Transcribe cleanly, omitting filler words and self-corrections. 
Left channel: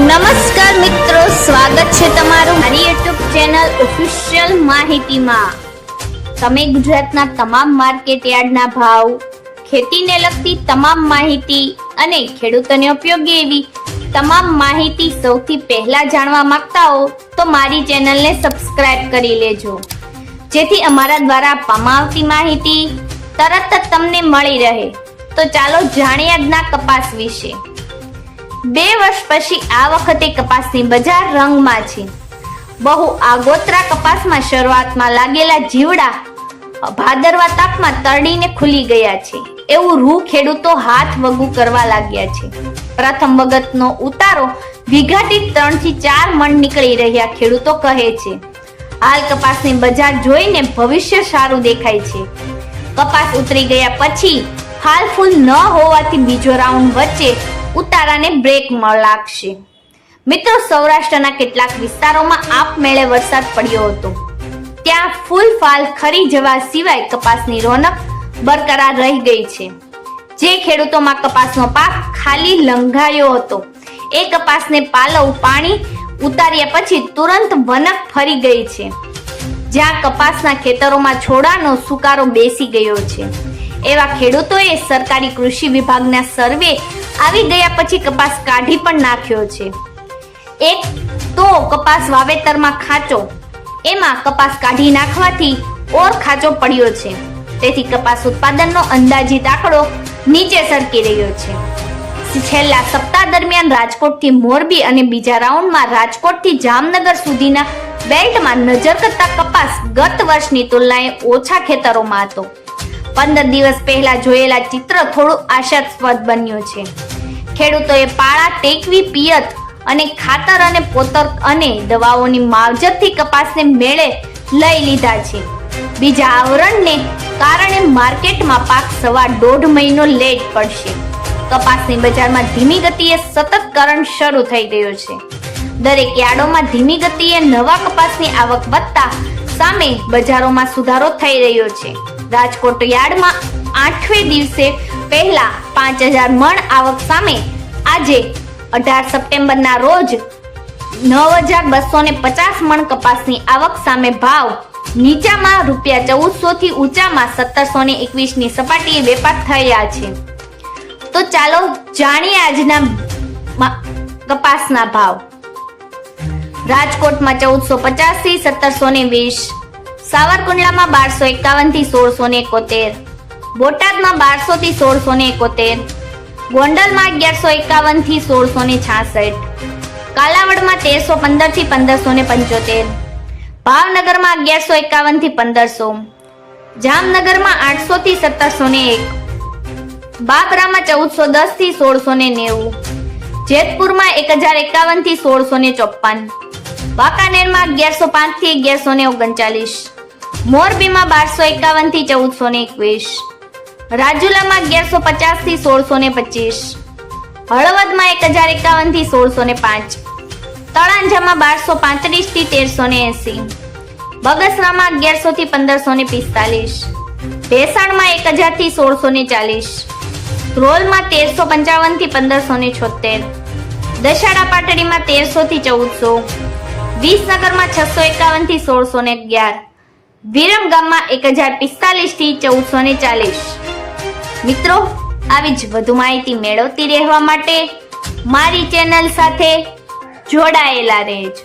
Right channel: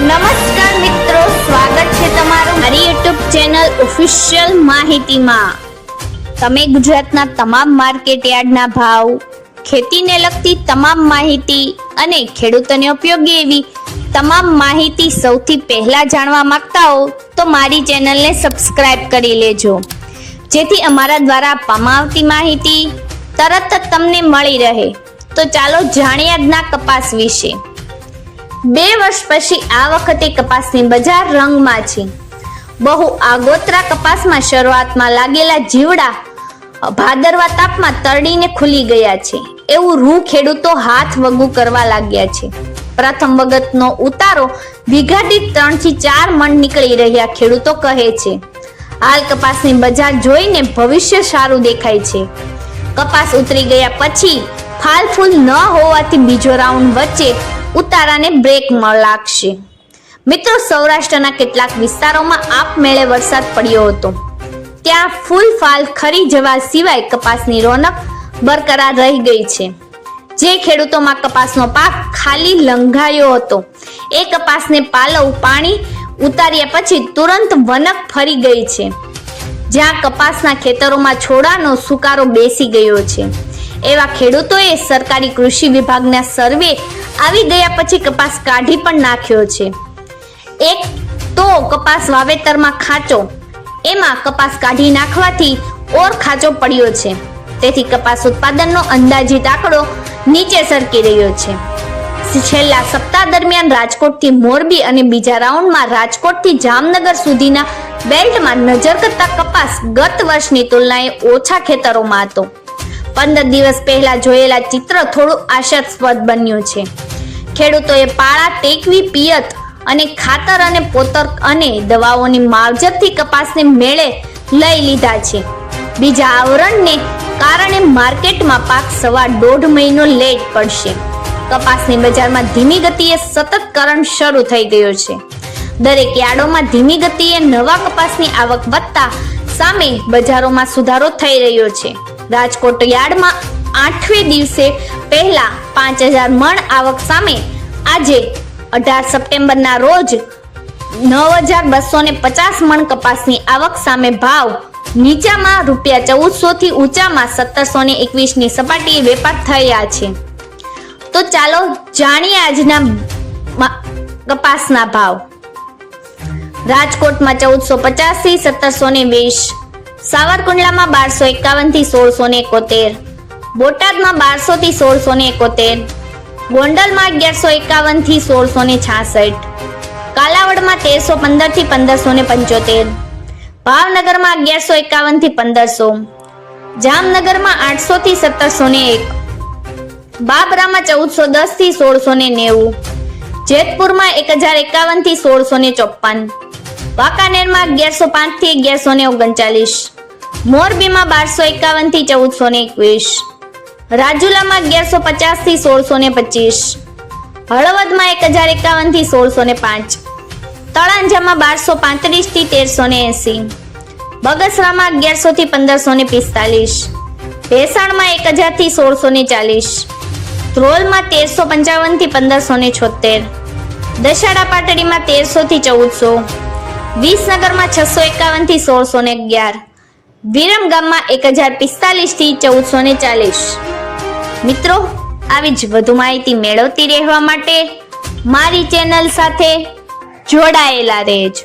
નમસ્કાર મિત્રો, સ્વાગત છે તમારું મારી YouTube ચેનલ ઓફિશિયલ માહિતીમાં। તમે ગુજરાતના તમામ માર્કેટ યાર્ડના ભાવ, ખેતીને લગતી તમામ માહિતી અને ખેડૂતોને ઉપયોગી એવી તમામ માહિતી સૌથી પહેલા જાણવા માંગતા હો તો મારી ચેનલને સબસ્ક્રાઇબ કરી લેજો, જેથી અમારા દ્વારા આપવામાં આવતી માહિતી તરત જ તમને મળી રહે। તો ચાલો જાણીએ આજના કપાસ વિશે। 2 વર્ષ પછી આ વખતે કપાસની બજાર રંગમાં છે। બહુ આગોતરા કપાસમાં શરૂઆતમાં લાગેલા જીવડા ભાદરવા તાપમાં તરડીને ખુલી ગયા છે, એવું રૂ ખેડૂતો હાથ વગું કરવા લાગ્યા છે। પ્રથમ વખતનો ઉતારો વીઘા દીઠ 3 થી 4 મણ નીકળી રહ્યા ખેડૂતો કહે છે। હાલ કપાસની બજાર જોઈને ભવિષ્ય સારું દેખાય છે। કપાસ ઉતરી ગયા પછી ફાલ ફૂલ ન હોવાથી બીજો રાઉન્ડ વચ્ચે ઉતારાને બ્રેક લાગશે। મિત્રો, સૌરાષ્ટ્રના કેટલાક વિસ્તારોમાં આપમેળે વરસાદ પડ્યો હતો, ત્યાં ફૂલ ફાલ ખરી જવા સિવાય કપાસની રોનક બરકરાર રહી ગઈ છે। જે ખેડૂતોમાં કપાસનો પાક ખાલી લંઘાયો હતો એ કપાસને પાલવ પાણી ઉતાર્યા પછી તુરંત વનક ફરી ગઈ છે। જ્યાં કપાસના ખેતરોમાં છોડાનો સુકારો બેસી ગયો છે એવા ખેડૂતોએ સરકારી કૃષિ વિભાગના સર્વે આવી ગયા પછી કપાસ કાઢી પણ નાખ્યો છે। એક તો કપાસ વાવેતરમાં ખાંચો, એમાં કપાસ કાઢી નાખવાથી ઓર ખાંચો પડ્યો છે, તેથી કપાસ ઉત્પાદનનો અંદાજિત આંકડો નીચે સરકી રહ્યો છે। છેલ્લા સપ્તાહ દરમિયાન રાજકોટથી મોરબી અને બીજા રાઉન્ડમાં રાજકોટથી જામનગર સુધીના બેલ્ટમાં નજર કરતા કપાસ ગત વર્ષની તુલનાએ ઓછા ખેતરોમાં હતો। 15 દિવસ પહેલા જોયેલા ચિત્ર થોડું આશાસ્પદ બન્યું છે। ખેડૂતોએ પાળા ટેકવી પિયત અને ખાતર અને પોતર અને દવાઓની માવજતથી કપાસને મેળે લઈ લીધા છે। બીજા આવરણને કારણે માર્કેટમાં પાક 1.5 મહિનો લેટ પડશે। કપાસની બજારમાં ધીમી ગતિએ સતત કરંટ શરૂ થઈ ગયો છે। દરેક યાર્ડોમાં ધીમી ગતિએ નવા કપાસની આવક વધતા સામે બજારોમાં સુધારો થઈ રહ્યો છે। રાજકોટ યાર્ડમાં 8મે દિવસે પહેલા 5000 મણ આવક સામે આજે 18 સપ્ટેમ્બરના રોજ 9250 મણ કપાસની આવક સામે ભાવ નીચામાં ₹1400 થી ઊંચામાં 1721 ની સપાટીએ વેપાર થયા છે। તો ચાલો જાણીએ આજના કપાસના ભાવ। રાજકોટમાં 1450 થી 1720, સાવરકુંડલામાં 1251 થી 1671, બોટાદમાં 1200 થી 1671, ગોંડલમાં 1151 થી 1666, કાલાવડમાં 1315 થી 1575, ભાવનગરમાં 1151 થી 1500, જામનગરમાં 800 થી 1701, બાબરામાં 1410 થી 1690, જેતપુરમાં 1051 થી 1654, વાંકાનેરમાં 1105 થી 1139, મોરબીમાં 1251 થી 1421, રાજુલામાં 1150 થી 1625, હળવદમાં 1051 થી 1605, તળાંજામાં 1235 થી 1380, બગસરામાં 1100 થી 1545, ભેસાણમાં 1000 થી 1640, ધ્રોલમાં 1355 થી 1576, દશાડા પાટડીમાં 1300 થી 1400, વિસનગરમાં 651 થી 1611, વિરમગામમાં 1045 થી 1440। મિત્રો, આવી જ વધુ માહિતી મેળવતી રહેવા માટે મારી ચેનલ સાથે જોડાયેલા રહેજો।